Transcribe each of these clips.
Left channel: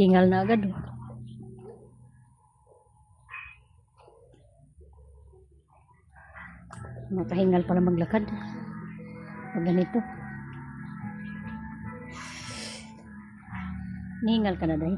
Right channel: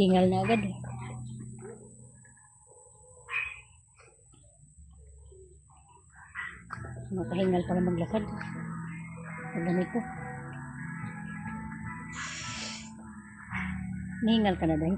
Hingal na agad. Makahingal pala maglakad. Pag ganito. Nihingal ka na dahil.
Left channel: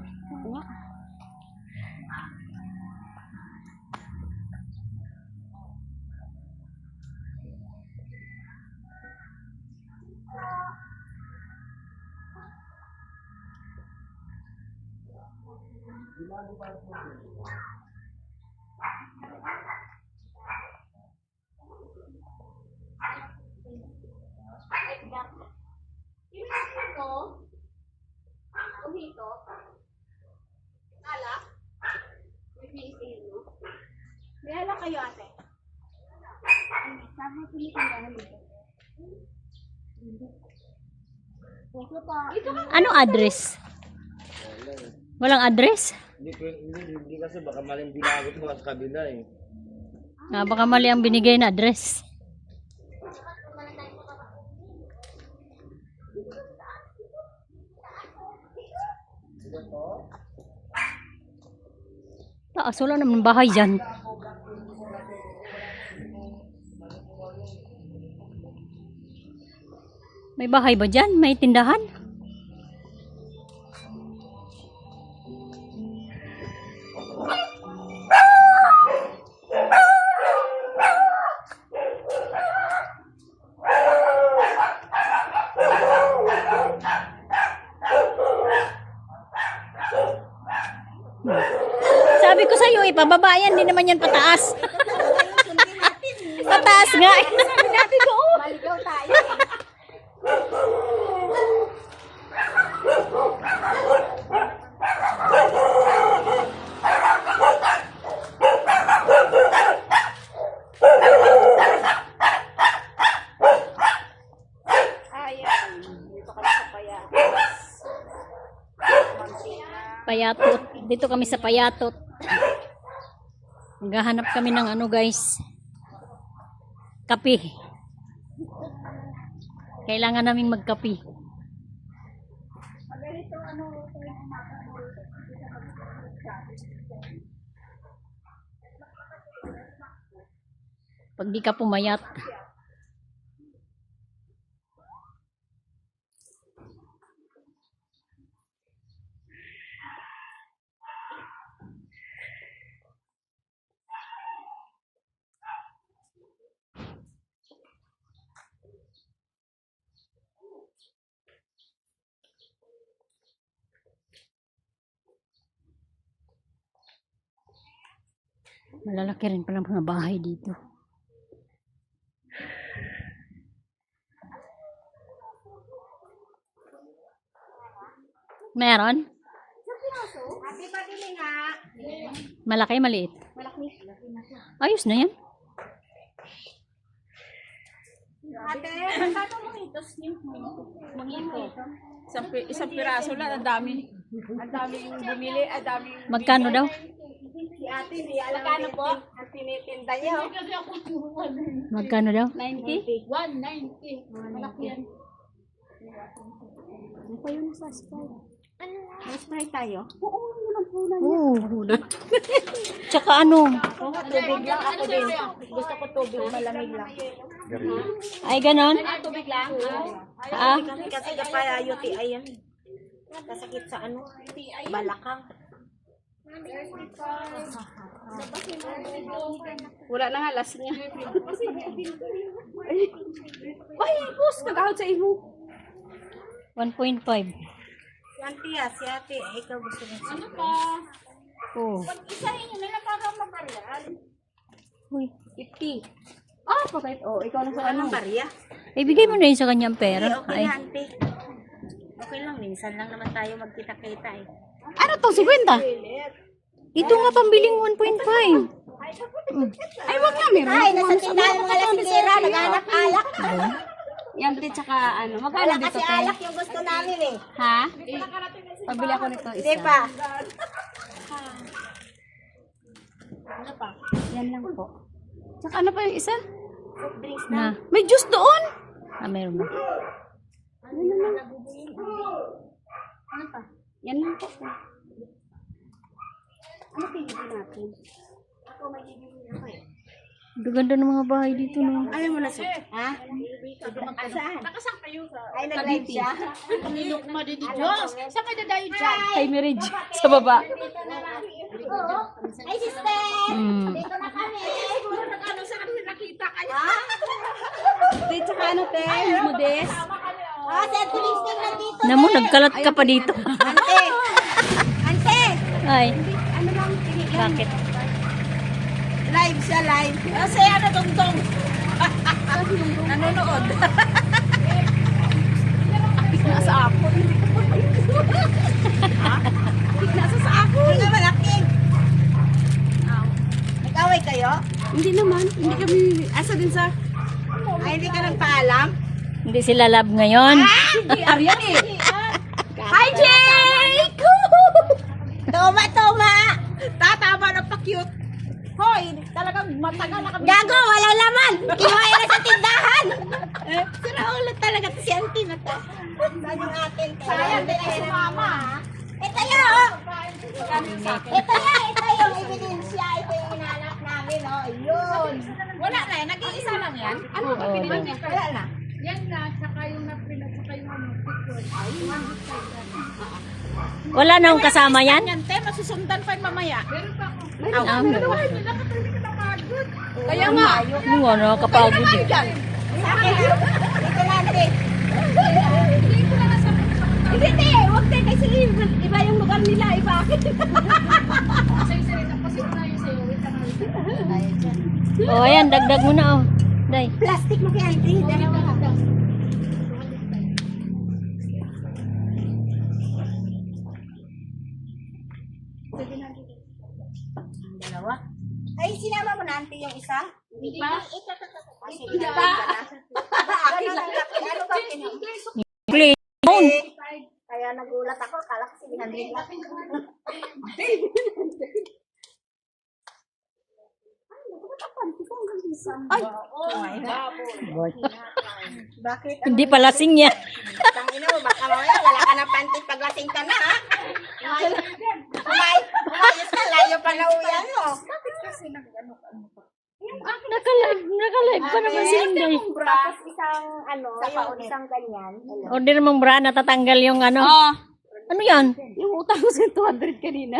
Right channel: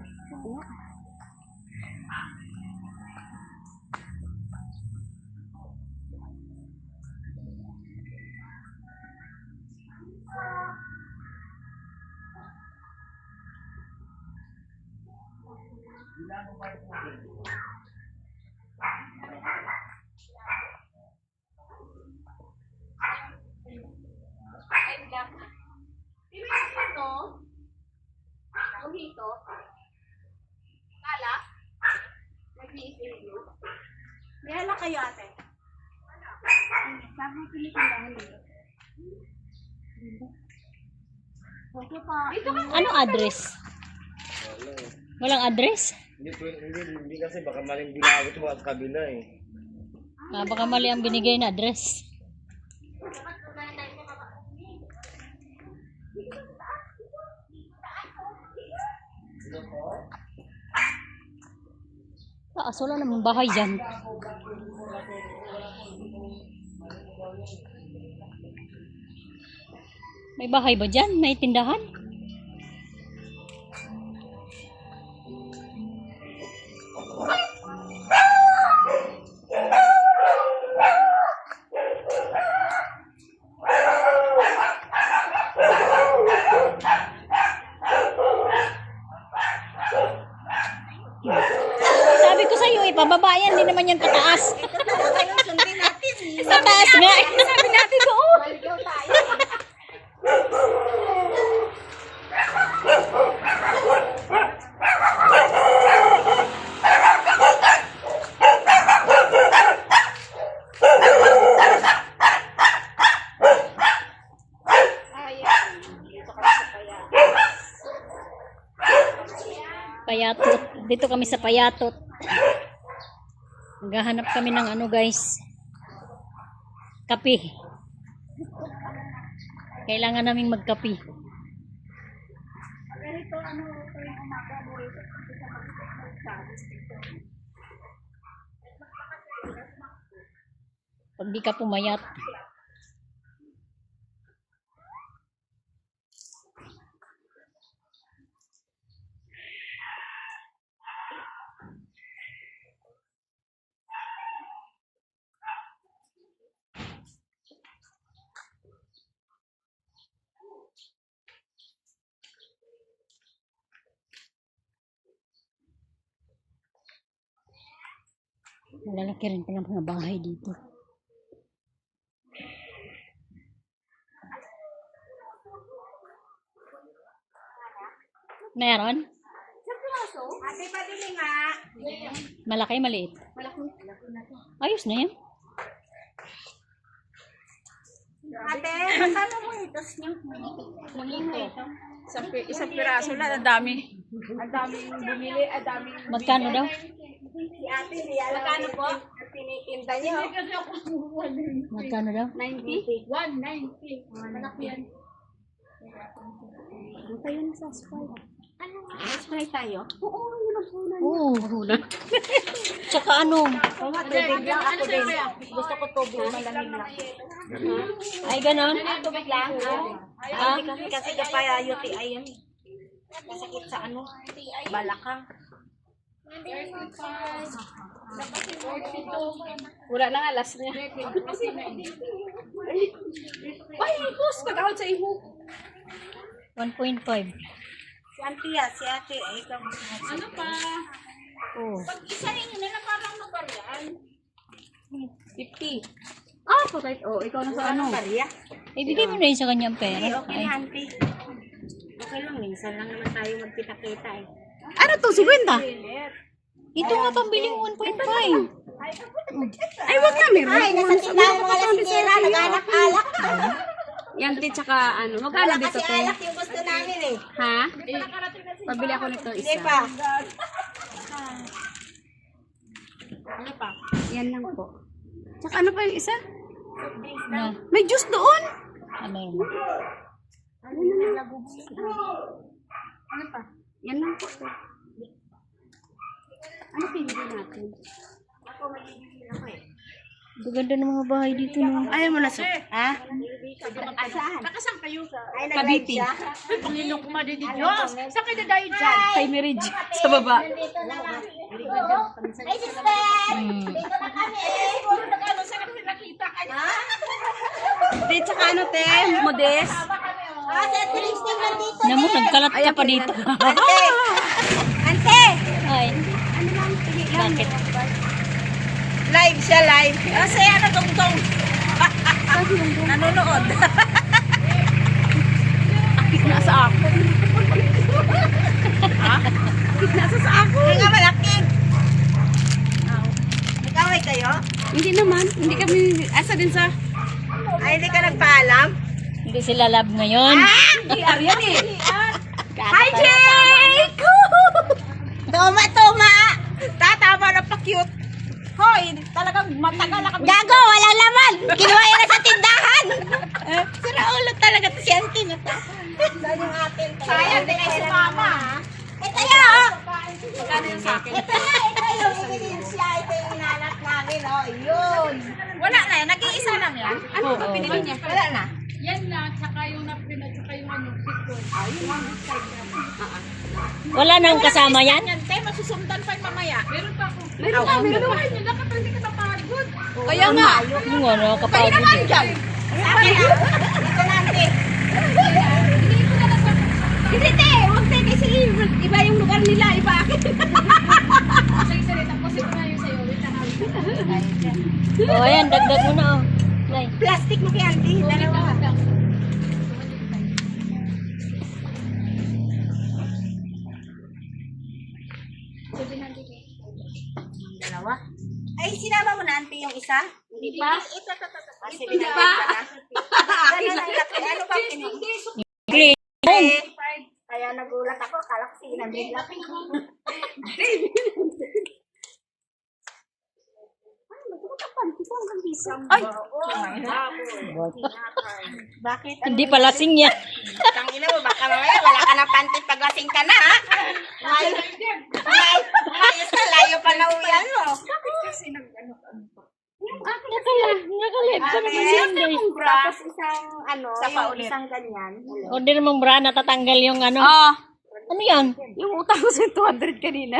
Mojito? Ala? Nag-iisino? May ala kayo ate? Saan mo pinitindahan dito? Okay po. Anong address? Walang address? Hindi kasi baka maling binagot ko sa kabila eh. Baka mali ang binigay na address. Taas, wala naman bahay dyan. May bahay ba dyan? May tindahan? Sabi ko sa'yo, ipababa yan. Hindi naman yan pataas. Pataas nga. Sabi natin doon. Maligaw tayo. Payatot. Dito kami sa Payatot. Maghahanap kami ng ano guys. Kape. Kailangan naming magkape. Pag di ka pumayat. Malalaki rin pala mga bahay dito. Meron? Ate, pabili nga. Malaki, maliit. Malaki. Ayos na yan. Ate, magkano mo itos niyo? Isang piraso lang, ang dami. Ang daming bumili, ang daming... Magkano daw? Si ate, hindi alam magkano po? Ang tinitinda niyo. Magkano daw? 90? 190. Malaki yan. Ano tayo na sa spray? Ano? Spray tayo? Oo, naman muna. Oo, hulog. Tsaka ano? Tubig lang ako din. Gusto ko tubig, malamig lang. Ay, ganon? Tubig lang? Ah? Kasi kapaya UTI yan. Kasakit sa ano? Balakang. Wala na nga, last niya. Ay, boss, kagahod sa iho. 1.5. Si auntie ah, si ate. Ay, ikaw gusto mo. Ano pa? Oo. Pag-isahin nyo nila para mabaryan. Uy. 50. Ah, bakit? Oh, ikaw na sa ano? Barya. Ibigay mo na yun sa kanyang pera. Okay Ay. na, auntie. Okay lang, minsan lang naman tayo magkita-kita eh. Ano to, 50? Ito nga pambiling 1.5. Ay, wag na, meron. Ay, nasa tindahan mga lasingera, nag-alak-alak. Yan, di, tsaka ano, magkano dito? Kasi alak yung gusto namin eh. Ha? Pabili ako nito isa. Hindi pa. Ano pa? Yan lang po. Tsaka ano pa yung isa? Na. May juice doon. Meron ba? Ano pa? Yan lang po. bibili natin. Gaganda ng mga bahay dito, no? Ayaw mo na, sir. Ha? Saan? Nakasang kayo sa... Ay, nag-live siya. Panginoon kuma din ni Diyos. Saan kayo dadayo dyan? Kay Mirage, sa baba. Ay, sister! Hmm. Dito na kami. Siguro nag-ano siya kasi nakita kayo. Di, tsaka ano, te? Modest. Ah, si Ate Listing nandito. Namo, nagkalat ka pa dito. Ante! Ay, Ano lang, tingin lang. bakit? Live siya, live. Ah, saya na dong-dong. Nanonood. Nasa ako. Nasa sa ako. Hindi nga malaking. Nag-away kayo? Hindi naman. Hindi kami, asa din sa... Ay, hindi ka nagpaalam? Hindi sila love ngayon. Hindi, Aryan eh. Hi, Jake! Toma! Tatama na pa-cute. Hoy, talagang matagal na kami. Gago, walang laman. Kinuha yan sa tindahan. Sira ulo talaga to si Auntie. Saan yung atin? Sayang, di kayo sumama. Ito yun. Ito yung ebidensya. Ito yung inalap namin. Oh, yun. Wala na yan. Nag-iisa lang yan. Ano Oo, pinili niya? Wala na. Wala na akong kasama yan? Yan, te. Masusundan pa yung mamaya. Meron pa ako. Meron ka. Kaya nga. Yung ano, kapagod eh. Akin, ito natin. Hindi, te. Huwag, te. Kasi iba yung lugar nila. Iba akin. Oh, ayan, dagdag mo na, oh. Day. Plastic mo kay Auntie. Dalawa. Dalawa. Ay, sinama mo na Auntie yung isa? Hindi pa. Hindi pa. Ano ba Please. Kaya nagulat ako. Kala ko 600 lang. Ay! Bakit? Hindi pa lasing yan. Tangina mo, baka mamaya wala ka ng panty paglasing ka na, ha? Ayos na, layo pa na uyan mo. Nakalive pa naman si Inday. Tapos isang, yung isang ganyan. Order mong bra, natatanggal yung ano. Oh, Ano yan? yung utang ko sa 200 kanina.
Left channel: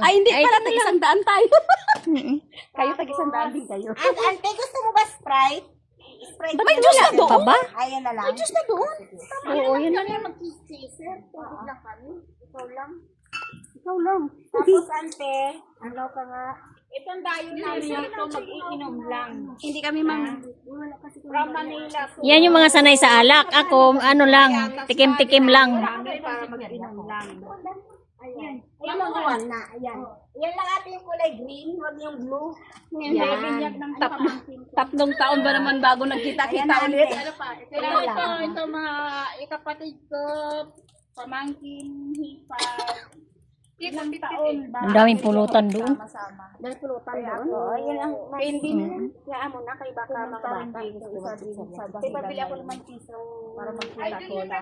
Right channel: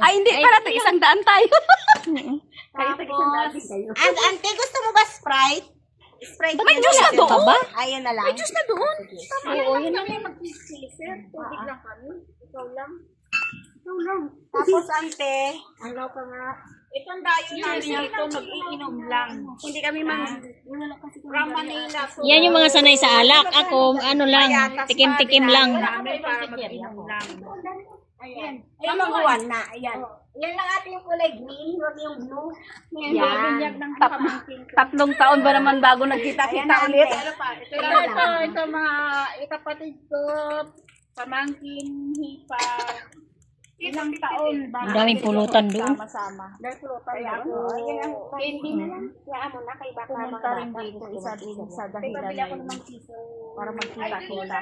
Ay, hindi pala. Tag-100 tayo. Kayo tag-100 din kayo. And, Ante, gusto mo ba Sprite? Sprite May yun juice na lang. doon? ba? Ayun na lang. May juice na doon? Oo, yun na. Ikaw lang. Tapos, Ante, ano pa nga? Itong dayo namin ito, mag-iinom lang. Hindi kami wala kasi From Manila. Yan yung mga sanay sa alak. Ako, ano lang, tikim-tikim lang. Namin para mag-inom lang. Ayan. Ay, manguan na. Ayan. Yan lang ate yung kulay green, huwag yung blue. Yan. Tatlong taon ba naman bago nagkita-kita ulit? Ito mga ikapatid ko, pamangkin, hipag. Ilang taon ba? Ang daming pulutan doon. Sama-sama. Dahil pulutan Kaya doon. ako, ayun ang hindi na yan. Kaya mo na kay baka mga bata. Kaya pabili ako ng piso para magkita-cola.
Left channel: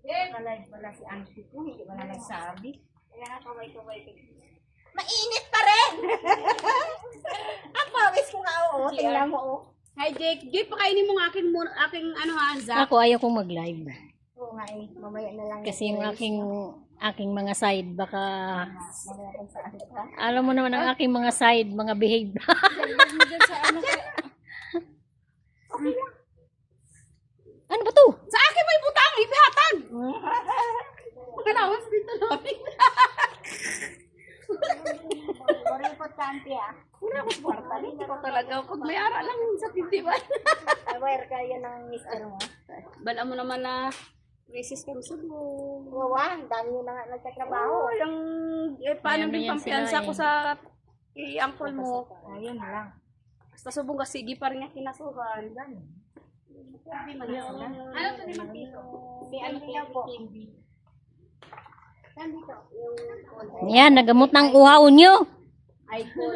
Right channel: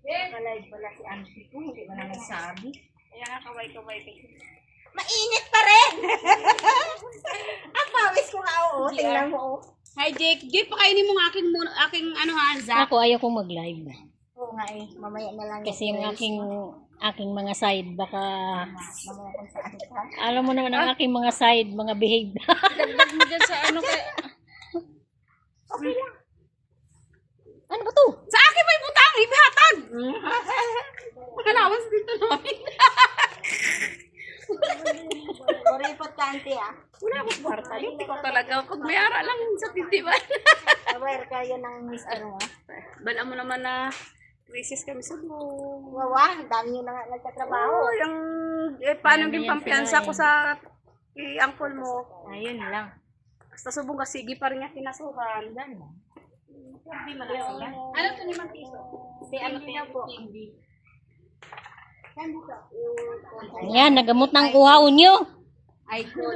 Nakalive pala si Auntie ko, hindi mo na nasabi. Kaya nga kaway-kaway. Mainit pa rin! Ang pawis ko nga, oo. Tingnan mo, oh. Hi Jake. Jake, pakainin mo ang aking ano Hanza. Ako, ayaw kong mag-live. Oo nga eh, mamaya na lang. Kasi yung aking mga side, baka... Alam mo naman ang aking mga side, mga behave. Ano ba to? Sa akin may butang, ihatag. Makalawas dito namin. Kuripot ka, Auntie, ah. Wala akong kwarta. Hindi ko talaga. Pag may ara lang sa tindiban. Aware ka yun ng mister mo. Bala mo naman na crisis kami sa buong. Wawa, ang dami yun na nga nagtatrabaho. Oo, yung paano Ayan, din yan pampiyansa sila, ko sa uncle mo. Ayun lang. Basta subong ka, sige pa rin nga kinasuhan. Hindi man lang. Ano to ni Mapiso? Si ano po? Yan, nagamot ng uhaon nyo. Ay, cool.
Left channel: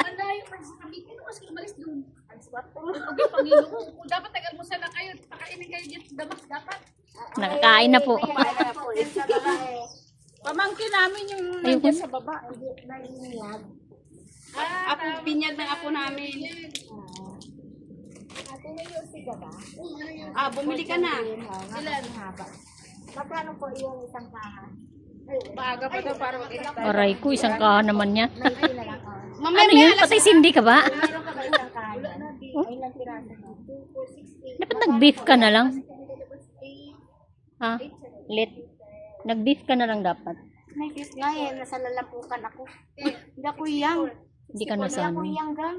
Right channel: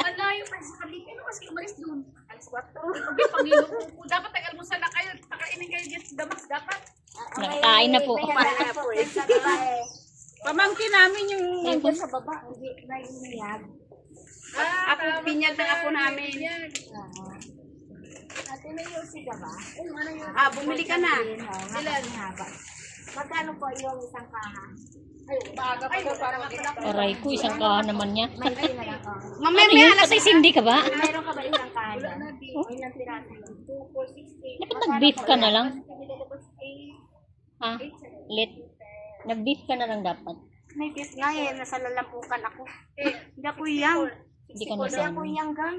Malayo pa sa kami. Ano kasi umalis doon? Alis 4. Okay, Panginoon. Dapat tagal-almusal na kayo. Pakainin kayo dyan sa damas. Dapat. Nakakain na po. May handa na po. Sa babae. Pamangkin namin yung nandiyan sa baba. Ako, binyag ng ako namin. Ate, may yosi ka ba? Bumili ka na. Ilan? Magkano po yung isang kaha? Maaga pa daw para mag-edit. Aray ko, isang kaha naman yan. May na lang. Mamaya Ano yun? Patay sindi ka ba? Meron ka ba isang kaha? Ilang piraso? 2, 4, 6, 8. Dapat nag-beef ka na lang. Ha? Lit. Nag-beef ka na lang dapat. May beef nga eh. Nasa lalampukan ako. Hindi ako yang. Hindi ka Hindi ako nasanay. yang gang.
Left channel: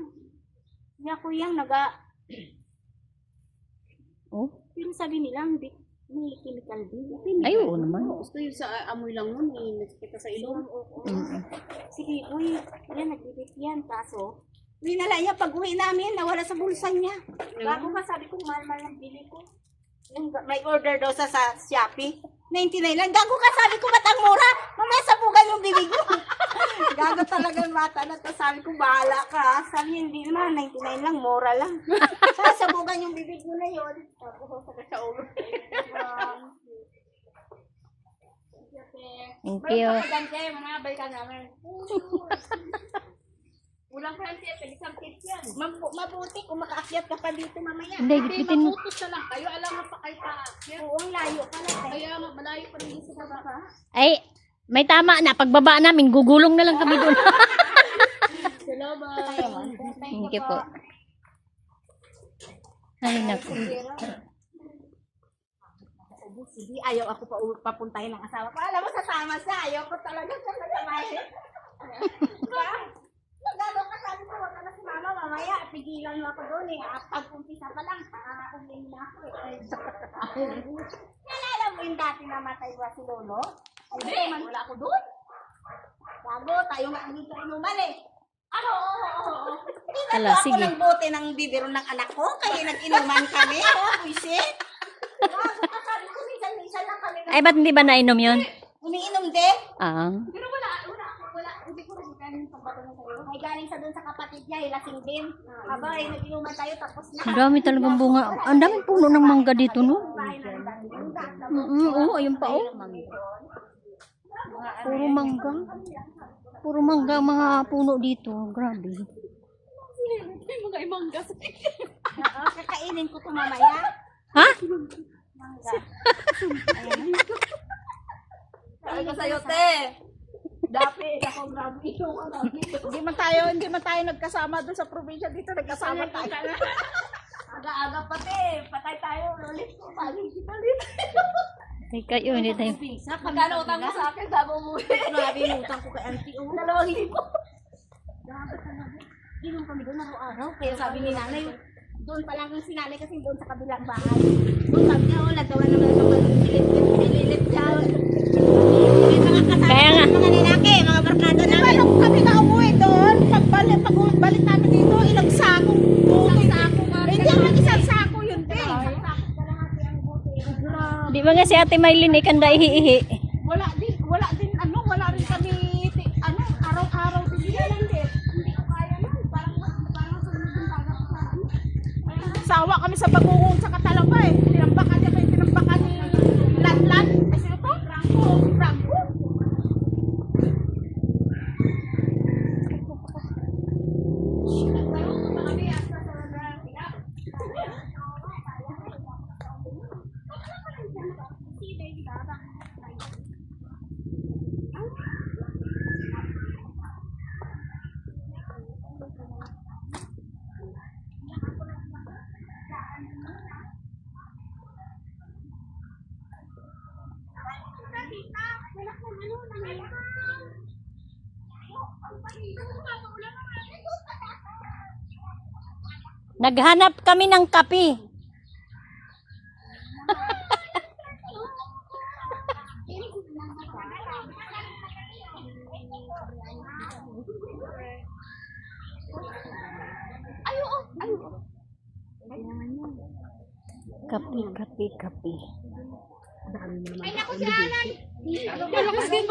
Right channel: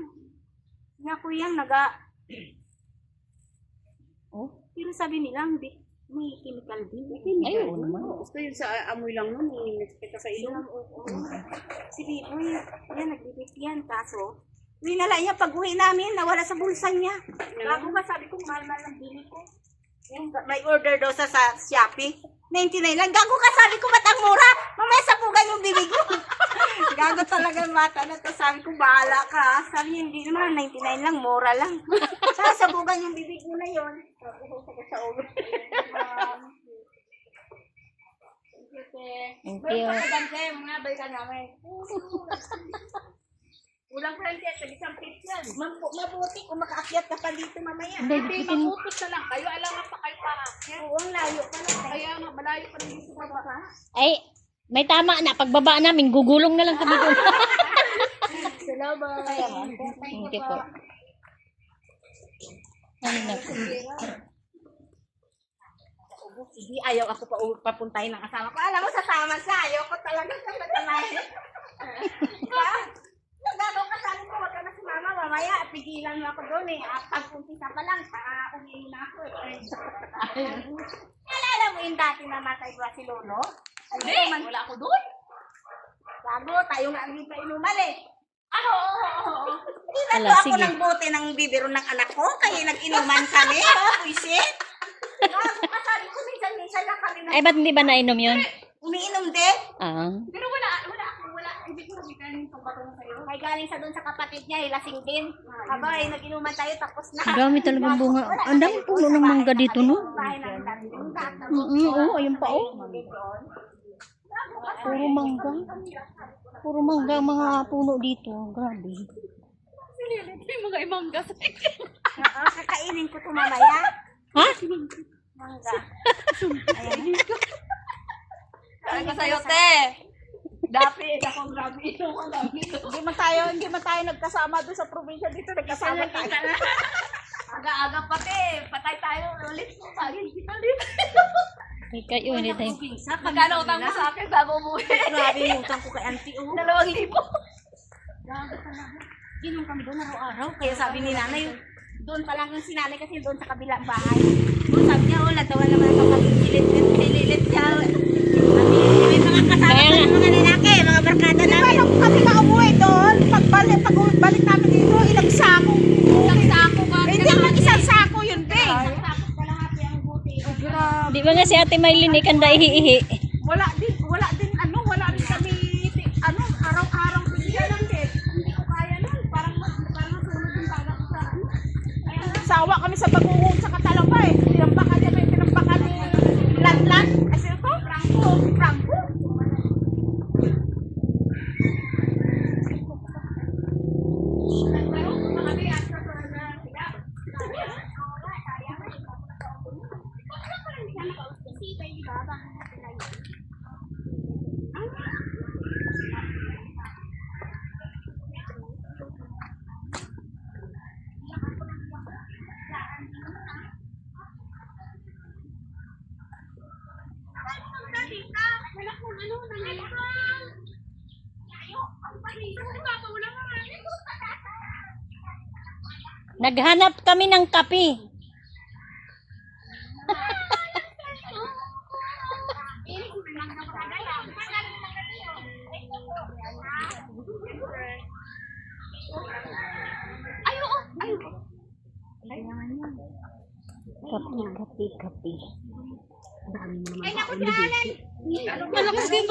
Hindi ako yang naga. Oh? Pero sabi nila, hindi. May chemical din. Ay, oo naman. Gusto yun sa amoy lang nun, kita sa ilong. Si Biboy, yan, nagbibit yan. Kaso, hindi na lang niya pag-uwi namin, nawala sa bulsa niya. Bago ba sabi ko, mahal-mahal ang bili ko. Yung, may order daw sa Shopee. 99 lang. Gago ka, sabi ko, ba't ang mura? Mamaya sabugan yung bibig mo. Gago talaga yung bata na to. Sabi ko, bahala ka. Sabi niya, hindi naman, 99 lang, mura lang. Sasabugan yung bibig mo na yun. Sa ulo. Thank you. Manabay ka namin. Ulang friendship, isang pit yan. Mabuti kung makaakyat ka pa dito mamaya. Hindi, bitin mo. Maputos na lang kayo, alam mo pa kayo para. Oo, ang layo ka na. Kaya nga, malayo pa rin sa baba. Ay, may tama na. Pagbaba namin, gugulong na lang kami doon. Salamat. Thank you po. Ay, naku. Sige, ayaw ako pa papuntahin ng asawa ko. Alam mo, sa tama siya. Ayaw ko talaga sa matamahin. Nagano ka, sabi ko, wag ka na si mama. Mamaya, pigilan mo ako doon eh. Pag-umpisa pa lang, umihin na ako eh. Nalala mo yung dati namatay ba si Lolo? Hindi, wala ako doon. Bago, tayo nga dito inuman eh. Oo. Ala, Ako sige. ng bote ng bibiro ng anak ko, kaya nag-inuman kami. Buisit. Bago ka, sabi ko, minsan lang kami Ay, ba't hindi ba nainom yun? umiinom din. Ah. Pero wala, hindi ko nakita yung pagbato ng kayo. May galing sa doon sa kapatid niya, lasing din. Abay, nag-inuman tayo tapos na. Ang dami talagang bunga. Ang daming puno ng mangga dito, no? Bahay namin dati. Yung taas na Oo, ayun pa, oh. Puro mangga. Puro mangga ang mga puno dito. Grabe. Yung mga imangga. Oo, kakainin ko ito mamaya. Ha? Mangga. Ayan. Ay, sa'yo, te. Dati, ako grabe. Hindi man tayo nagkasama doon sa probinsya dito. Nagkasama tayo. Aga-aga pati. Patay tayo. Ulit ko. Bagay kita ulit. Ay, kayo, hindi tayo. Magkano utang mo sa akin bago umuwi? Grabe yung utang ko kay Auntie. 2,000. Grabe talaga. Inom kami doon araw-araw. Kaya sabi ni nanay, doon pa lang yung sinanay kasi doon sa kabilang bahay. Doon sabi niya, nagtawa naman ang kapatid. Sililit siya. May mga kasama ng mga lalaki, mga barkada namin. Di ba kami na umuwi doon? Pagbalik namin dito, ilang sako. Ilang sako ka. Hindi naman isang sako yun, be. Isang sako kalahati ang buti. Di ba nga si Ate Maylin ikanda ihihi? Wala din kami, araw-araw din sila lang din. Hindi ko kaya nun, parang masunod yung baga ko sa Kaya sawa kami sa baguhong sa Katalaba eh. Tinambakan niya may tinambakan ni Latlan. Kasi ito, Franco. Naghanap kami ng kape. Kape. Malakas din